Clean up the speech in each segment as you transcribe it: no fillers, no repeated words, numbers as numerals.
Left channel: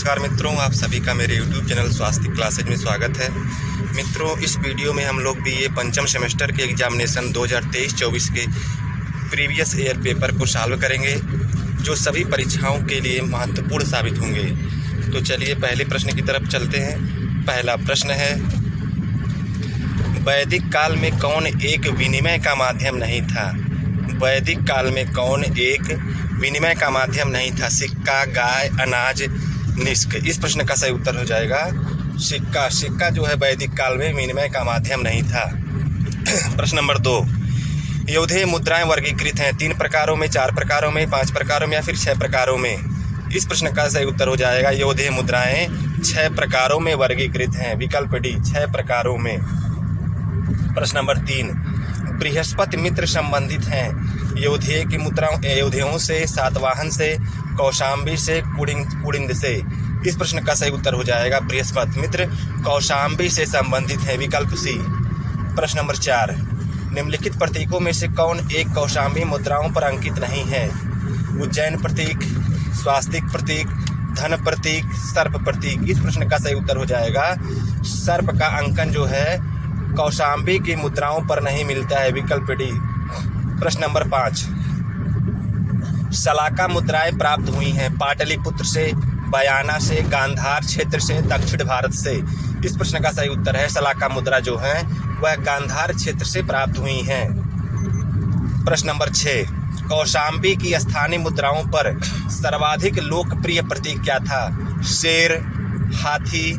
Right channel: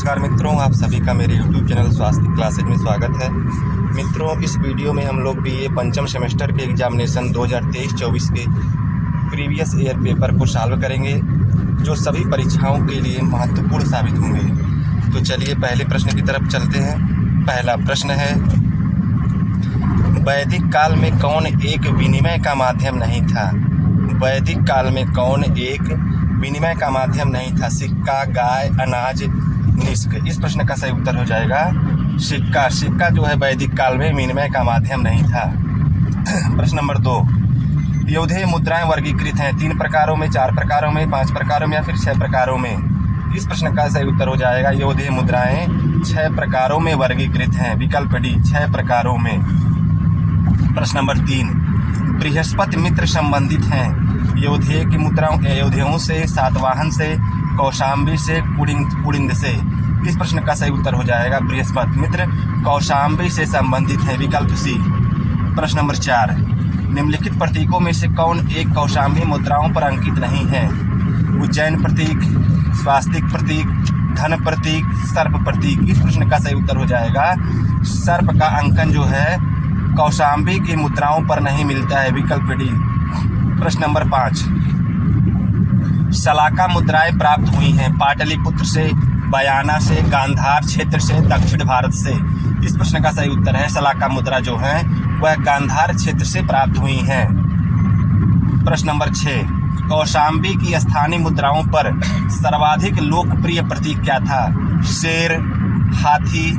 नमस्कार मित्रों, आप सभी का मेरे YouTube चैनल स्वास्थ्य क्लासेज में स्वागत है। मित्रों, इस वीडियो में हम लोग BA पंचम सेमेस्टर के एग्जामिनेशन 2023-24 के प्रीवियस ईयर पेपर को सॉल्व करेंगे, जो सभी परीक्षाओं के लिए महत्वपूर्ण साबित होंगे। तो चलिए पहले प्रश्न की तरफ चलते हैं। पहला प्रश्न है, वैदिक काल में कौन एक विनिमय का माध्यम नहीं था? वैदिक काल में कौन एक विनिमय का माध्यम नहीं था? सिक्का, गाय, अनाज, निष्क। इस प्रश्न का सही उत्तर हो जाएगा सिक्का। सिक्का जो है वैदिक काल में विनिमय का माध्यम नहीं था। प्रश्न नंबर 2, यौधेय मुद्राएं वर्गीकृत हैं 3 प्रकारों में, 4 प्रकारों में, 5 प्रकारों में या फिर 6 प्रकारों में? इस प्रश्न का सही उत्तर हो जाएगा यौधेय मुद्राएं 6 प्रकारों में वर्गीकृत हैं। विकल्प डी 6 प्रकारों में। प्रश्न नंबर 3, बृहस्पति मित्र संबंधित हैं यौधेय की मुद्राओं यौधेयों से, सातवाहन से, कौशाम्बी से, कुड़िंद से? इस प्रश्न का सही उत्तर हो जाएगा बृहस्पति मित्र कौशाम्बी से संबंधित है। विकल्प सी। प्रश्न नंबर 4, निम्नलिखित प्रतीकों में से कौन एक कौशाम्बी मुद्राओं पर अंकित नहीं है? उज्जैन प्रतीक, स्वास्तिक प्रतीक, धन प्रतीक, सर्प प्रतीक? इस प्रश्न का सही उत्तर हो जाएगा सर्प का अंकन जो है कौशाम्बी की मुद्राओं पर नहीं मिलता है। विकल्प डी। प्रश्न नंबर 5, शलाका मुद्राएं प्राप्त हुई हैं पाटलिपुत्र से, बयाना से, गांधार क्षेत्र से, दक्षिण भारत से? इस प्रश्न का सही उत्तर है शलाका मुद्रा जो है वह गांधार क्षेत्र से प्राप्त हुई हैं। प्रश्न नंबर 6, कौशाम्बी की स्थानीय मुद्राओं पर सर्वाधिक लोकप्रिय प्रतीक क्या था? शेर, हाथी,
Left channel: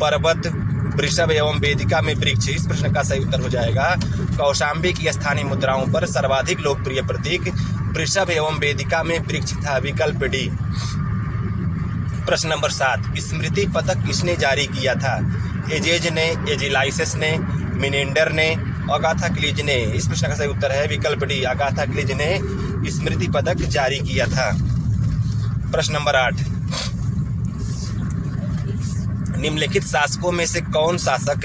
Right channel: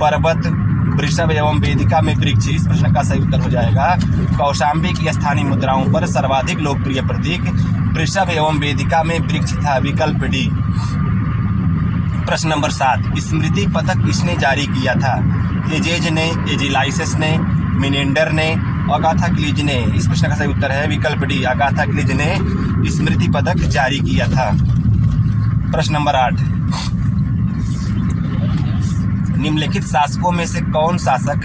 पर्वत, वृषभ एवं वेदिका में वृक्ष? इस प्रश्न का सही उत्तर हो जाएगा कौशाम्बी की स्थानीय मुद्राओं पर सर्वाधिक लोकप्रिय प्रतीक वृषभ एवं वेदिका में वृक्ष था। विकल्प डी। प्रश्न नंबर 7, स्मृति पदक किसने जारी किया था? एजेज ने, एजिलाइसिस ने, मिनेंडर ने, अगाथा क्लीज ने? इस प्रश्न का सही उत्तर है विकल्प डी, अगाथा क्लीज ने स्मृति पदक जारी किया था। प्रश्न नंबर 8, निम्नलिखित शासकों में से कौन शासक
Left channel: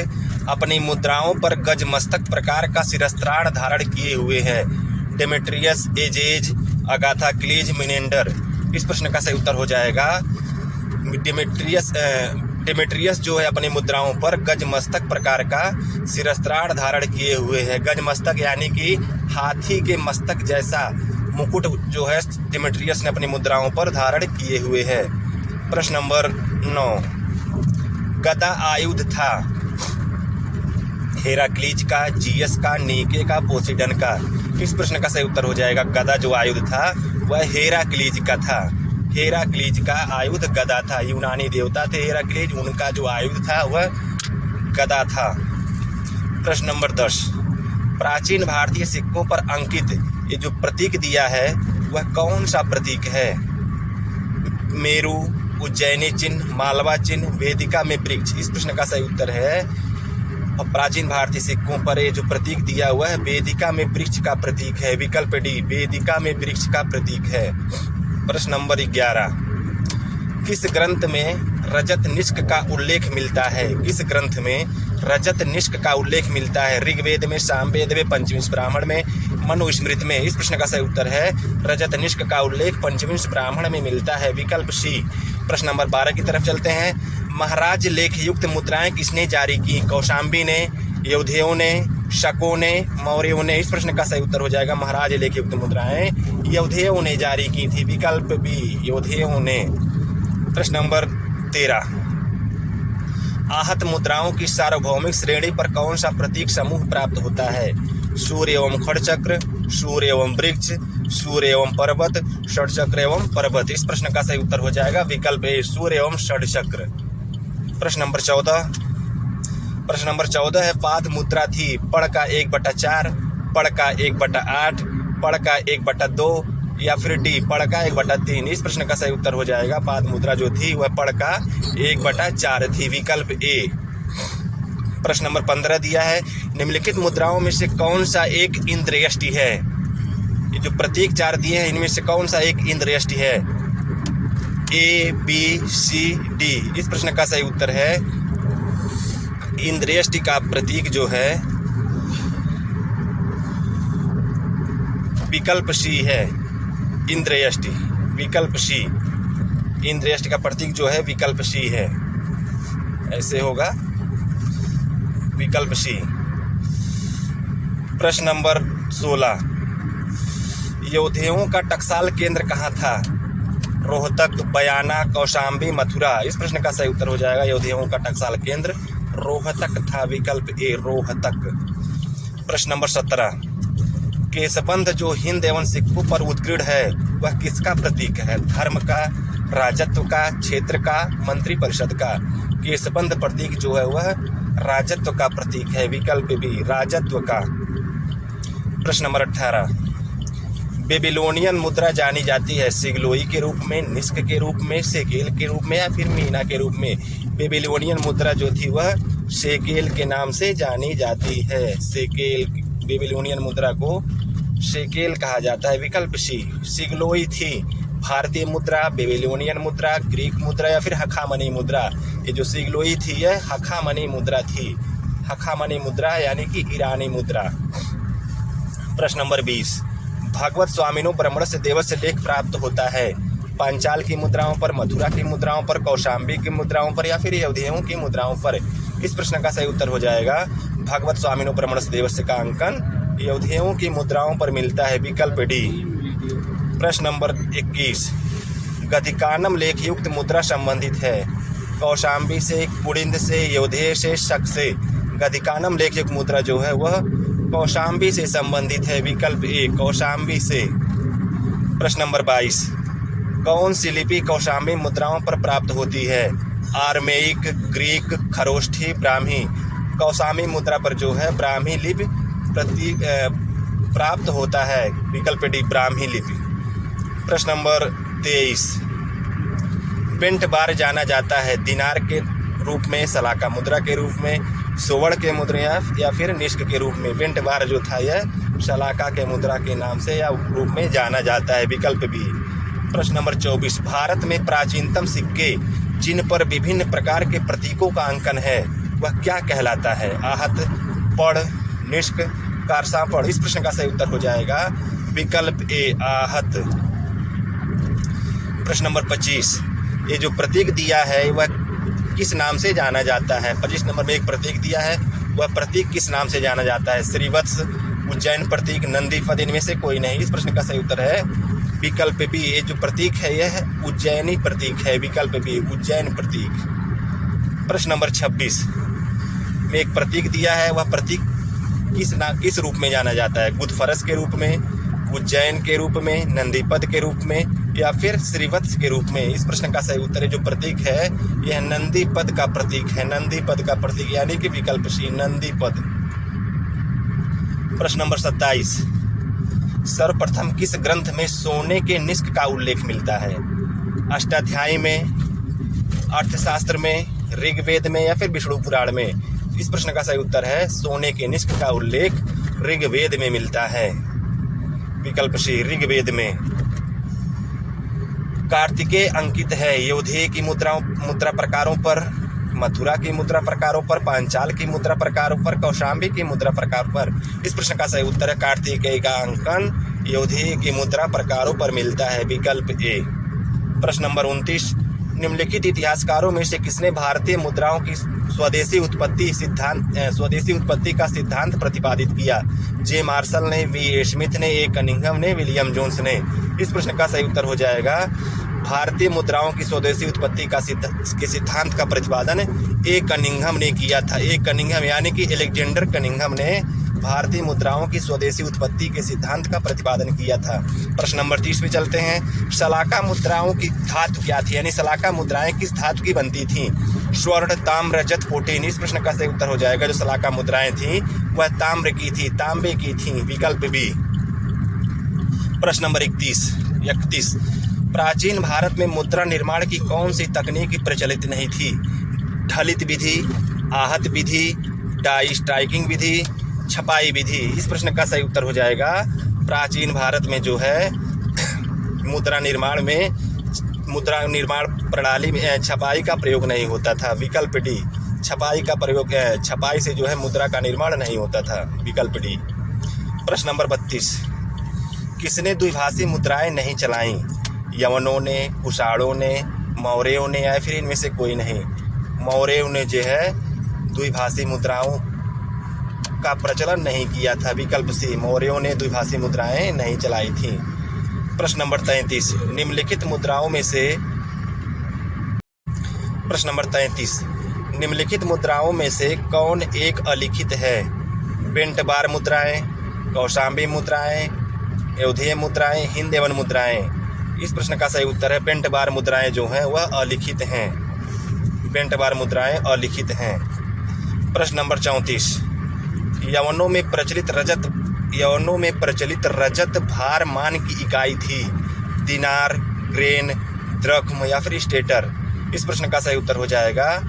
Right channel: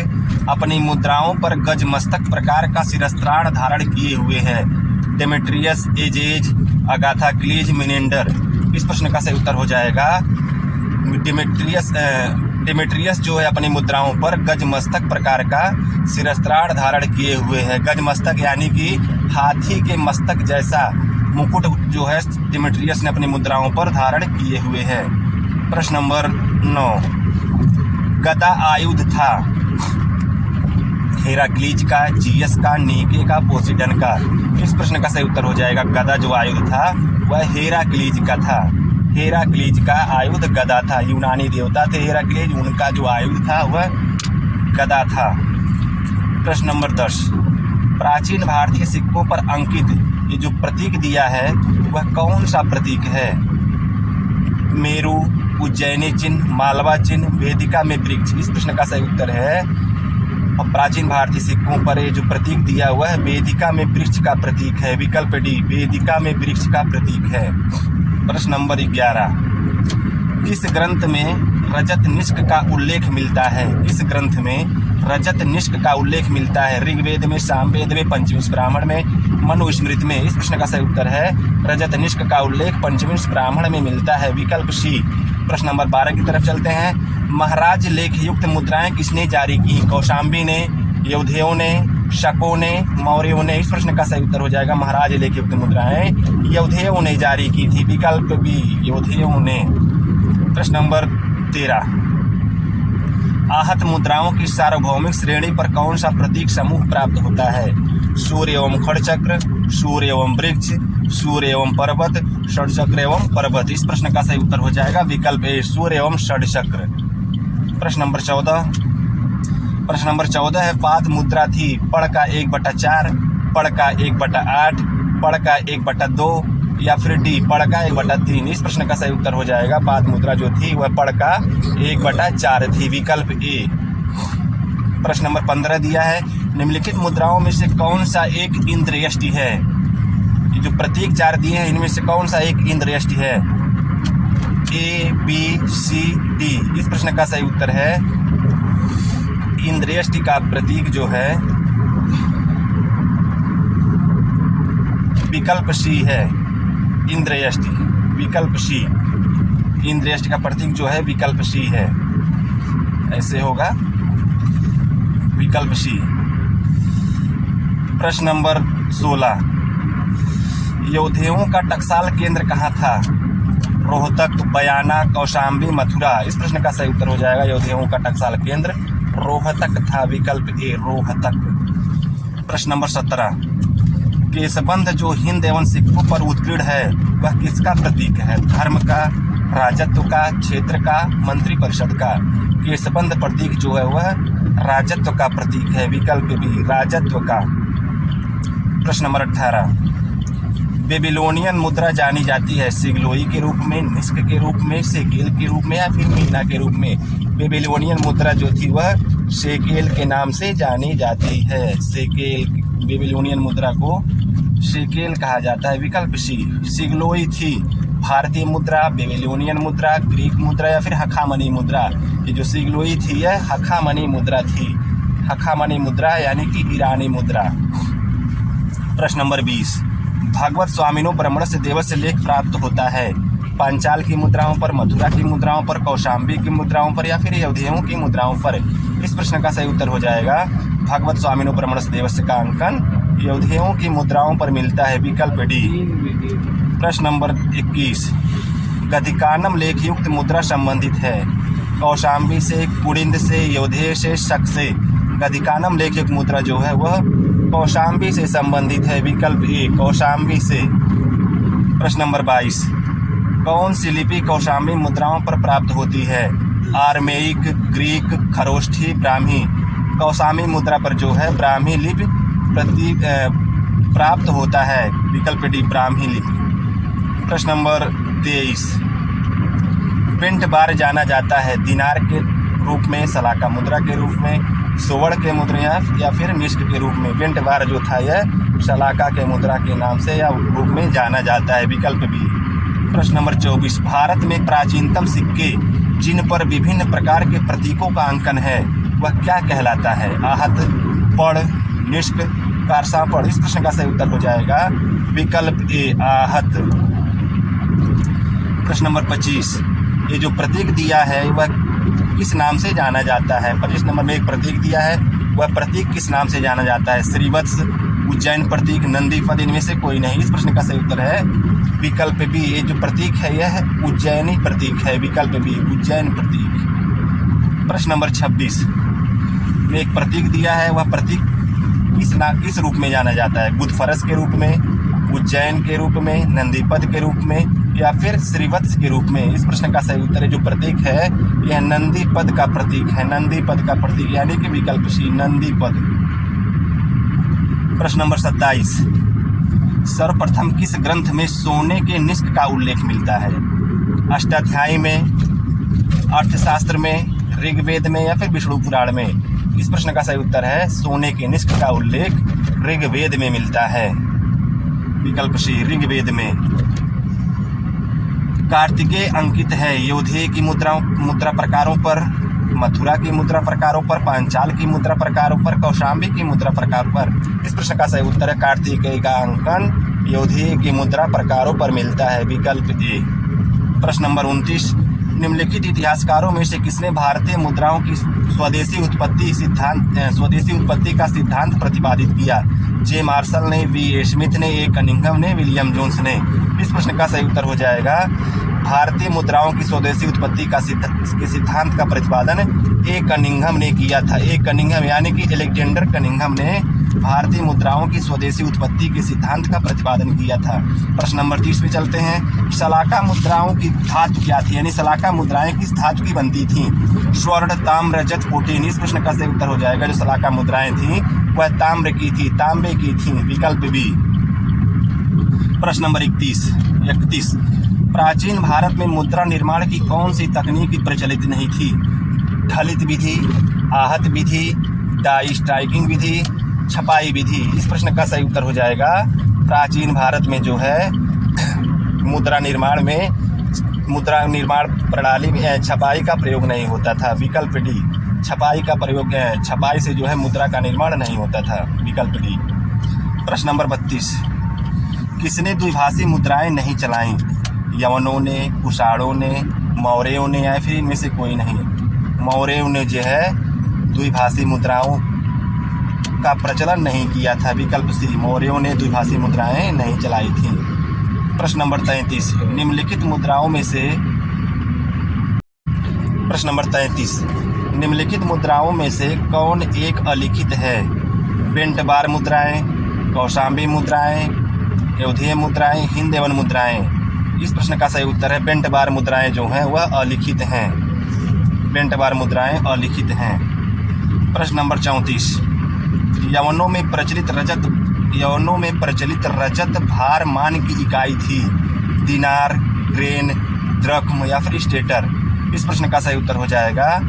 अपनी मुद्राओं पर गजमस्तक प्रकार का शिरस्त्राण धारण किए हुए हैं? Demetrius, Azes, Agathocles, Menander? इस प्रश्न का सही उत्तर हो जाएगा डेमेट्रियस जो है अपनी मुद्राओं पर गजमस्तक प्रकार का शिरस्त्राण धारण किए हुए हैं। गजमस्तक यानी कि हाथी के मस्तक जैसा मुकुट जो है डेमेट्रियस ने अपनी मुद्राओं पर धारण किए हुए हैं। प्रश्न नंबर 9, गदा आयुध था हेराक्लीज का, जीएस का, नीके का, पोसिडन का? इस प्रश्न का सही उत्तर हो जाएगा गदा जो आयुध था वह हेराक्लीज का था। हेराक्लीज का आयुध गदा था। यूनानी देवता थे हेराक्लीज, उनका जो आयुध था वह गदा था। प्रश्न नंबर 10, प्राचीन भारतीय सिक्कों पर अंकित ये जो प्रतीक दिया है वह कौन सा प्रतीक है? मेरू, उज्जैनी चिन्ह, मालवा चिन्ह, वेदिका में वृक्ष? इस प्रश्न का सही उत्तर है और प्राचीन भारतीय सिक्कों पर ये जो प्रतीक दिया हुआ है वेदिका में वृक्ष का प्रतीक है। विकल्प डी, वेदिका में वृक्ष का प्रतीक है। प्रश्न नंबर 11, किस ग्रंथ में रजत निष्क का उल्लेख मिलता है? किस ग्रंथ में रजत निष्क का उल्लेख मिलता है? ऋग्वेद में, सामवेद में, पंचविंश ब्राह्मण में, मनुस्मृति में? इस प्रश्न का सही उत्तर है रजत निष्क का उल्लेख पंचविंश ब्राह्मण में मिलता है। विकल्प सी। प्रश्न नंबर 12 की तरफ चलते हैं। महाराज लेखयुक्त मुद्राएं किसने जारी की? कौशाम्बी ने, यौधेयों ने, शकों ने, मौर्यों ने? इस प्रश्न का सही उत्तर हो जाएगा महाराज लेखयुक्त मुद्राएं यौधेयों ने जारी की थी। विकल्प बी, यौधेयों ने। प्रश्न नंबर 13, आहत मुद्राओं की सार्वभौमिक श्रेणी पर कौन सा प्रतीक समूह प्राप्त होता है? सूर्य एवं खड़चक्र, सूर्य एवं वृक्ष, सूर्य एवं पर्वत, षडचक्र एवं पर्वत? इस प्रश्न का सही उत्तर हो जाएगा विकल्प ए, सूर्य एवं षडचक्र। प्रश्न नंबर 14 है, पाद मुद्रा थी पड़ का 1/4, पड़ का 1/8, पड़ का 1/2 या फिर डी पड़ का 1/3? इस प्रश्न का सही उत्तर हो जाएगा पाद मुद्रा जो थी वह पड़ का 1/4 थी। विकल्प ए। प्रश्न नंबर 15 दिया है, निम्नलिखित मुद्राओं में से कौन सा एक इंद्रयष्टि है? ये जो प्रतीक 4 दिए हैं इनमें से कौन सा एक इंद्रयष्टि है? ए, बी, सी, डी? इस प्रश्न का सही उत्तर है इंद्रयष्टि का प्रतीक जो है विकल्प सी है, इंद्रयष्टि। विकल्प सी इंद्र यष्टि का प्रतीक जो है विकल्प सी है, ऐसे होगा विकल्प सी। प्रश्न नंबर 16, यौधेयों का टकसाल केंद्र कहाँ था? रोहतक, बयाना, कौशाम्बी, मथुरा। इस प्रश्न का सही उत्तर हो जाएगा यौधेयों का टकसाल केंद्र रोहतक था, विकल्प ए रोहतक। प्रश्न नंबर 17, केशबंध जो हिंद एवं सिक्कों पर उत्कीर्ण है वह किसका प्रतीक है? धर्म का, राजत्व का, क्षेत्र का, मंत्री परिषद का। केशबंध प्रतीक जो है वह राजत्व का प्रतीक है, विकल्प बी राजत्व का। प्रश्न नंबर 18, बेबीलोनियन मुद्रा जानी जाती है सिगलोई के रूप में, निस्क के रूप में, शेकेल के रूप में या फिर मीना के रूप में? बेबीलोनियन मुद्रा जो थी वह शेकेल के नाम से जानी जाती है, शेकेल। बेबीलोनियन मुद्रा को शेकेल कहा जाता है, विकल्प सी। सिगलोई थी भारतीय मुद्रा, बेबीलोनियन मुद्रा, ग्रीक मुद्रा या फिर हखामनी मुद्रा। ये जो सिगलोई थी यह हखामनी मुद्रा थी, हखामनी मुद्रा यानी कि ईरानी मुद्रा। प्रश्न नंबर 20, भागवत स्वामिनो ब्रह्मण से देव से लेख प्राप्त होता है पांचाल की मुद्राओं पर, मथुरा की मुद्राओं पर, कौशाम्बी की मुद्राओं पर या फिर यौधेयों की मुद्राओं पर? इस प्रश्न का सही उत्तर हो जाएगा भागवत स्वामिनो ब्रह्मण से देव से का अंकन यौधेयों की मुद्राओं पर मिलता है, विकल्प डी। प्रश्न नंबर 21, गधिकानम लेख युक्त मुद्रा संबंधित है कौशाम्बी से, कुड़िंद से, यौधेय से, शक से। गधिकानम लेख युक्त मुद्रा जो है वह कौशाम्बी से संबंधित है, विकल्प ए कौशाम्बी से। प्रश्न नंबर 22, कौन सी लिपि कौशाम्बी मुद्राओं पर प्राप्त होती है? आर्मेइक, ग्रीक, खरोष्ठी, ब्राह्मी। कौशाम्बी मुद्रा पर जो है ब्राह्मी लिपि प्रतीक प्राप्त होता है, विकल्प डी ब्राह्मी लिपि। प्रश्न नंबर 23, पेंट बार जाना जाता है दिनार के रूप में, सलाका मुद्रा के रूप में, सुवर्ण के मुद्रा या फिर निष्क के रूप में? पेंट बार जो था यह सलाका के मुद्रा के नाम से या रूप में जाना जाता है, विकल्प बी। प्रश्न नंबर 24, भारत में प्राचीनतम सिक्के जिन पर विभिन्न प्रकार के प्रतीकों का अंकन है वह क्या कहलाता है? आहत, पढ़, निष्क, कारसापढ़। इस प्रश्न का सही उत्तर हो जाएगा विकल्प ए आहत। प्रश्न नंबर 25, ये जो प्रतीक दिया है वह किस नाम से जाना जाता है? 25 नंबर में एक प्रतीक दिया है, वह प्रतीक किस नाम से जाना जाता है? श्रीवत्स, उज्जैन प्रतीक, नंदी पद, इनमें से कोई नहीं। इस प्रश्न का सही उत्तर है विकल्प बी। ये जो प्रतीक है यह उज्जैनी प्रतीक है, विकल्प बी उज्जैन प्रतीक। प्रश्न नंबर 26 में एक प्रतीक दिया है, वह प्रतीक किस रूप में जाना जाता है? गुदफरस के रूप में, उज्जैन के रूप में, नंदीपद के रूप में या फिर श्रीवत्स के रूप में? इस प्रश्न का सही उत्तर है जो प्रतीक है यह नंदीपद का प्रतीक है, नंदीपद का प्रतीक यानी कि विकल्प सी नंदीपद। प्रश्न नंबर 27, सर्वप्रथम किस ग्रंथ में सोने के निष्क का उल्लेख मिलता है? अष्टाध्यायी में, अर्थशास्त्र में, ऋग्वेद में या फिर विष्णु पुराण में? इस प्रश्न का सही उत्तर है सोने के निष्क का उल्लेख ऋग्वेद में मिलता है, विकल्प सी ऋग्वेद में। कार्तिकेय अंकित है यौधेय की मुद्रा प्रकारों पर, मथुरा की मुद्रा प्रकारों पर, पांचाल की मुद्रा प्रकारों पर, कौशाम्बी की मुद्रा प्रकार पर? इस प्रश्न का सही उत्तर है कार्तिकेय का अंकन यौधेय की मुद्रा प्रकारों पर मिलता है, विकल्प ए। प्रश्न नंबर 29, निम्नलिखित इतिहासकारों में से किसने भारतीय मुद्राओं की स्वदेशी उत्पत्ति का सिद्धांत प्रतिपादित किया? जे मार्शल ने, वी ए स्मिथ ने, ए कनिंघम ने, विलियम जोन्स ने? इस प्रश्न का सही उत्तर हो जाएगा भारतीय मुद्राओं की स्वदेशी उत्पत्ति के सिद्धांत का प्रतिपादन ए कनिंघम ने किया था। ए कनिंघम यानी कि अलेक्जेंडर कनिंघम ने भारतीय मुद्राओं की स्वदेशी उत्पत्ति के सिद्धांत का प्रतिपादन किया था। प्रश्न नंबर 30 पे चलते हैं। सलाका मुद्राओं की धातु क्या थी, यानी सलाका मुद्राएं किस धातु की बनती थी? स्वर्ण, ताम्र, रजत, प्रोटीन? इस प्रश्न का सही उत्तर हो जाएगा जो सलाका मुद्राएं थी वह ताम्र की थी, तांबे की थी, विकल्प बी। प्रश्न नंबर 31, प्राचीन भारत में मुद्रा निर्माण की कौन सी तकनीक प्रचलित नहीं थी? ढलित विधि, आहत विधि, डाई स्ट्राइकिंग विधि, छपाई विधि? इस प्रश्न का सही उत्तर हो जाएगा प्राचीन भारत में जो है मुद्रा निर्माण प्रणाली में छपाई का प्रयोग नहीं होता था, विकल्प डी। छपाई का प्रयोग छपाई से जो है मुद्रा का निर्माण नहीं होता था, विकल्प डी। प्रश्न नंबर 32, किसने द्विभाषी मुद्राएं नहीं चलाईं? यवनों ने, कुषाणों ने, मौर्यों ने या फिर इनमें से कोई नहीं। मौर्यों ने जो है द्विभाषी मुद्राओं का प्रचलन नहीं किया था। विकल्प सी, मौर्यों ने द्विभाषी मुद्राएं नहीं चलाई थी। प्रश्न नंबर 33, निम्नलिखित मुद्राओं में से प्रश्न नंबर 33, निम्नलिखित मुद्राओं में से कौन एक अलिखित है? बेंट बार मुद्राएं, कौशाम्बी मुद्राएं, अयोध्या मुद्राएं, हिंद एवं मुद्राएं। इस प्रश्न का सही उत्तर है बेंट बार मुद्राएं जो हैं वह अलिखित हैं। बेंट बार मुद्राएं अलिखित हैं। प्रश्न नंबर 34, यवनों में प्रचलित रजत भार मान की इकाई थी? दिनार, ग्रेन, द्रख्म या फिर स्टेटर। इस प्रश्न का सही उत्तर हो जाएगा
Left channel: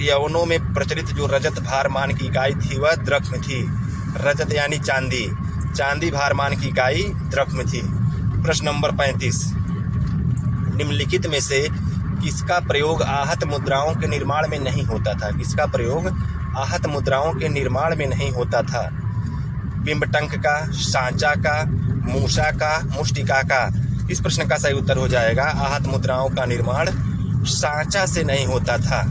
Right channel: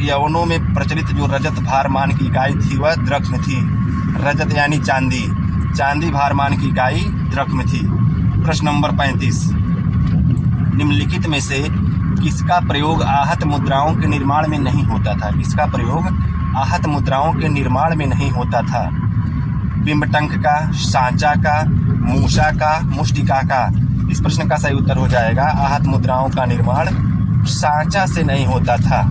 यवनों में प्रचलित जो रजत भार मान की इकाई थी वह द्रख्म थी। रजत यानी चांदी, चांदी भार मान की इकाई द्रख्म थी। प्रश्न नंबर 35, निम्नलिखित में से किसका प्रयोग आहत मुद्राओं के निर्माण में नहीं होता था? किसका प्रयोग आहत मुद्राओं के निर्माण में नहीं होता था? बिंबटंक का, सांचा का, मूसा का, मुष्टिका का। इस प्रश्न का सही उत्तर हो जाएगा आहत मुद्राओं का निर्माण सांचा से नहीं होता था।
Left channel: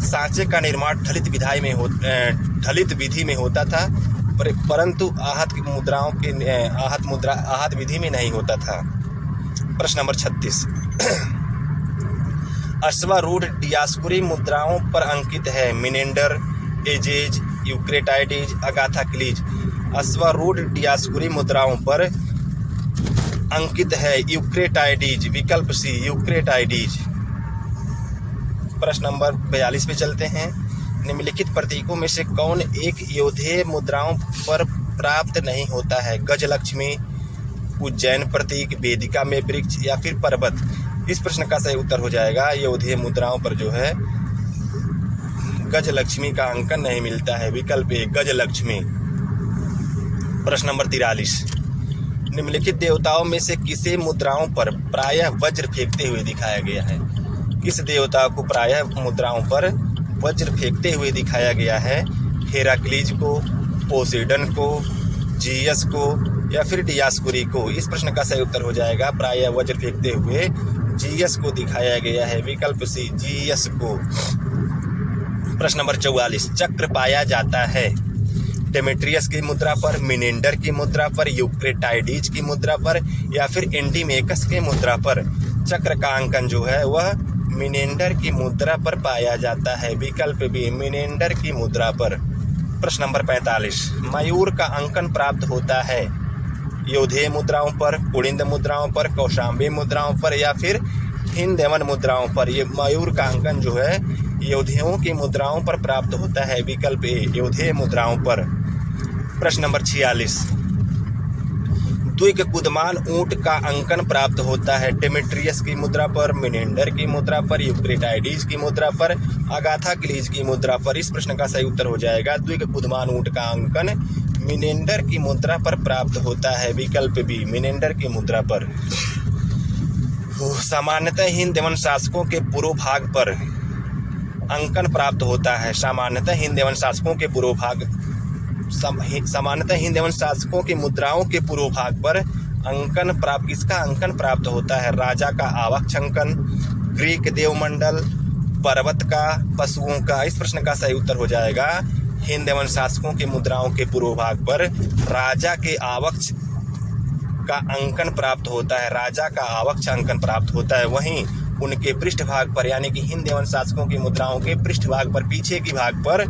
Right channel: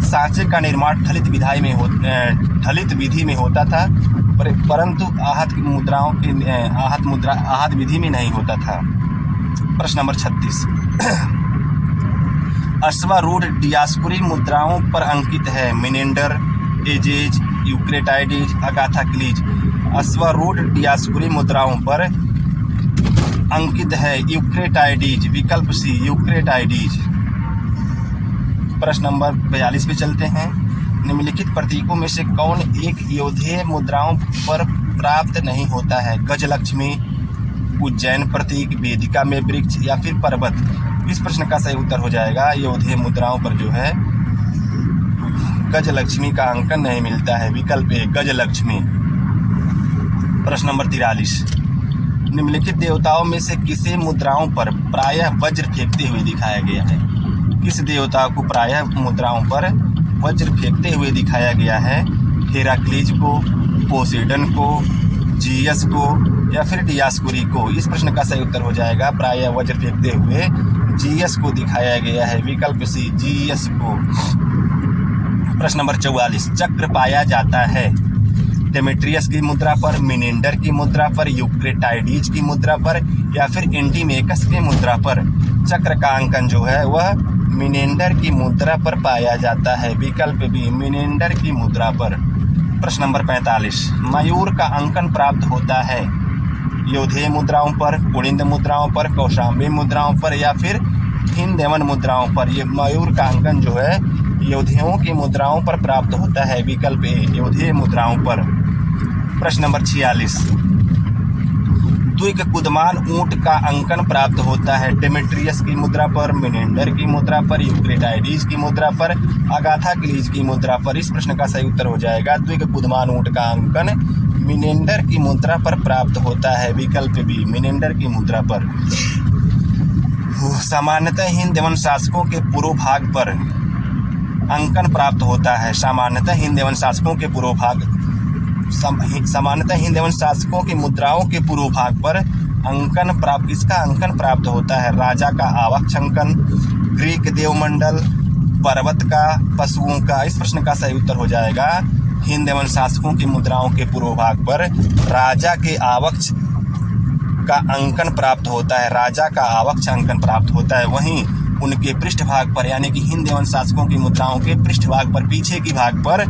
सांचे का निर्माण ढलित विधि में होता था, परंतु आहत विधि में नहीं होता था। प्रश्न नंबर 36, अश्वारूढ़ डियास्कुरी मुद्राओं पर अंकित है? Menander, Azes, Eucratides, Agathocles. अश्वारूढ़ डियास्कुरी मुद्राओं पर अंकित है यूक्रेटाइडीज। विकल्प सी, यूक्रेटाइडीज। प्रश्न नंबर 42 पे चलते हैं। निम्नलिखित प्रतीकों में से कौन एक योधेय मुद्राओं पर प्राप्त नहीं होता है? गजलक्ष्मी, उज्जैन प्रतीक, वेदिका में वृक्ष या फिर पर्वत। इस प्रश्न का सही उत्तर हो जाएगा योधेय मुद्राओं पर जो है गजलक्ष्मी का अंकन नहीं मिलता है। विकल्प ए, गजलक्ष्मी। प्रश्न नंबर 43, निम्नलिखित देवताओं में से किसे मुद्राओं पर प्रायः वज्र फेंकते हुए दिखाया गया है? किस देवता को प्रायः मुद्राओं पर वज्र फेंकते हुए दिखाया गया है? हेराक्लीज को, पोसेडन को, जीयस को या फिर डियास्कुरी को। इस प्रश्न का सही उत्तर हो जाएगा प्रायः वज्र फेंकते हुए जीयस को दिखाया गया है। विकल्प सी, जीयस को। प्रश्न नंबर 44, चक्र पाया जाता है डेमेट्रियस की मुद्रा पर, मिनेंडर की मुद्रा पर, यूक्रेटाइडीज की मुद्रा पर या फिर एंटीमेकस की मुद्रा पर। चक्र का अंकन जो है वह मिनेंडर की मुद्रा पर पाया जाता है। विकल्प बी, मिनेंडर की मुद्रा पर। प्रश्न नंबर 45, मयूर का अंकन प्राप्त होता है योधेय मुद्राओं पर, कुड़िंद मुद्राओं पर, कौशाम्बी मुद्राओं पर या फिर हिंद एवं मुद्राओं पर। ये मयूर का अंकन जो है योधेयों की मुद्राओं पर प्राप्त होता है। विकल्प ए, योधेय मुद्राओं पर। प्रश्न नंबर 46, द्विक कुदमान ऊंट का अंकन प्राप्त होता है डेमेट्रियस की मुद्रा पर, मिनेंडर की मुद्रा पर, यूक्रेटाइडीज की मुद्रा पर, अगाथा क्लीज की मुद्रा पर। इस प्रश्न का सही उत्तर हो जाएगा द्विक कुदमान ऊंट का अंकन मिनेंडर की मुद्रा पर प्राप्त होता है। विकल्प बी, मिनेंडर की मुद्रा पर। सामान्यतः हिंद एवं शासकों के पूर्व भाग पर अंकन प्राप्त होता है। सामान्यतः हिंद एवं शासकों के पूर्व भाग सामान्यतः हिंद एवं शासकों की मुद्राओं के पूर्व भाग पर अंकन प्राप्त इसका अंकन प्राप्त होता है। राजा का आवक्ष अंकन, ग्रीक देवमंडल, पर्वत का, पशुओं का। इस प्रश्न का सही उत्तर हो जाएगा हिंद एवं शासकों की मुद्राओं के पूर्व भाग पर राजा के आवक्ष का अंकन प्राप्त होता है। राजा का आवक्ष अंकन प्राप्त होता है। वहीं उनके पृष्ठभाग पर यानी कि हिंद एवं शासकों की मुद्राओं के पृष्ठभाग पर, पीछे की भाग पर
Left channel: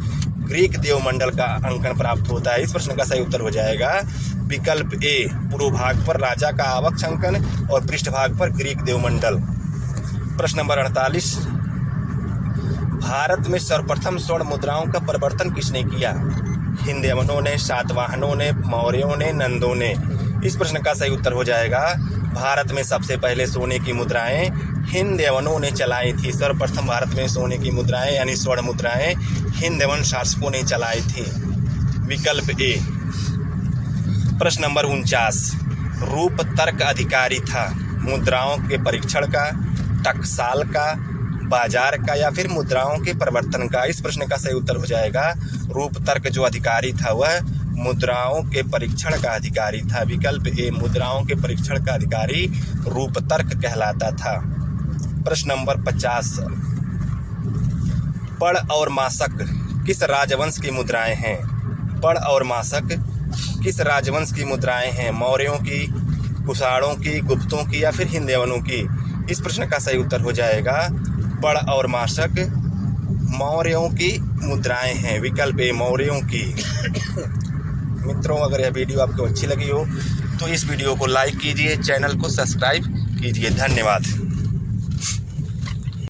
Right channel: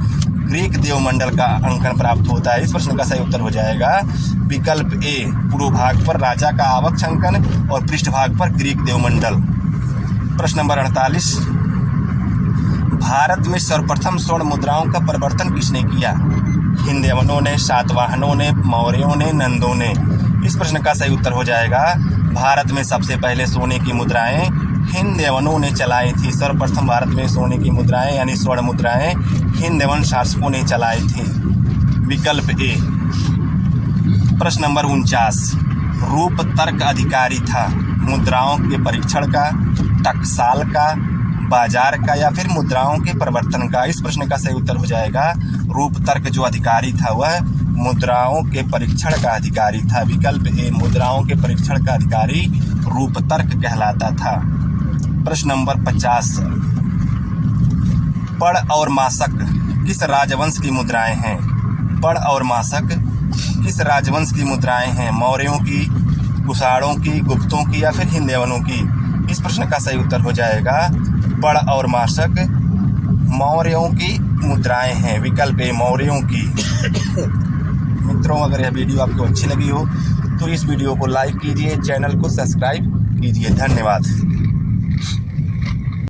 ग्रीक देवमंडल का अंकन प्राप्त होता है। इस प्रश्न का सही उत्तर हो जाएगा विकल्प ए, पूर्व भाग पर राजा का आवक्ष अंकन और पृष्ठभाग पर ग्रीक देवमंडल। प्रश्न नंबर 48, भारत में सर्वप्रथम स्वर्ण मुद्राओं का प्रवर्तन किसने किया? हिंदवनों ने, सातवाहनों ने, मौर्यों ने, नंदों ने। इस प्रश्न का सही उत्तर हो जाएगा भारत में सबसे पहले सोने की मुद्राएं हिंदवनों ने चलाई थी। सर्वप्रथम भारत में सोने की मुद्राएं यानी स्वर्ण मुद्राएं हिंदवन शासकों ने चलाई थी। विकल्प ए। प्रश्न नंबर 49, रूप तर्क अधिकारी था मुद्राओं के परीक्षण का, टकसाल का, बाजार का या फिर मुद्राओं के प्रवर्तन का। इस प्रश्न का सही उत्तर हो जाएगा रूप तर्क जो अधिकारी था वह मुद्राओं के परीक्षण का अधिकारी था। विकल्प ए, मुद्राओं के परीक्षण का अधिकारी रूप तर्क कहलाता था। प्रश्न नंबर 50, पढ़ और मासक किस राजवंश की मुद्राएं हैं? पढ़ और मासक किस राजवंश की मुद्राएं हैं? मौर्यों की, कुषाणों की, गुप्तों की या फिर हिंदुओं की? इस प्रश्न का सही उत्तर हो जाएगा पढ़ और मासक मौर्यों की मुद्राएं हैं। विकल्प ए मौर्यों की। मित्रों, अगर यह वीडियो आपको अच्छी लगी हो तो इस वीडियो को लाइक कीजिए, चैनल को सब्सक्राइब कीजिए। धन्यवाद।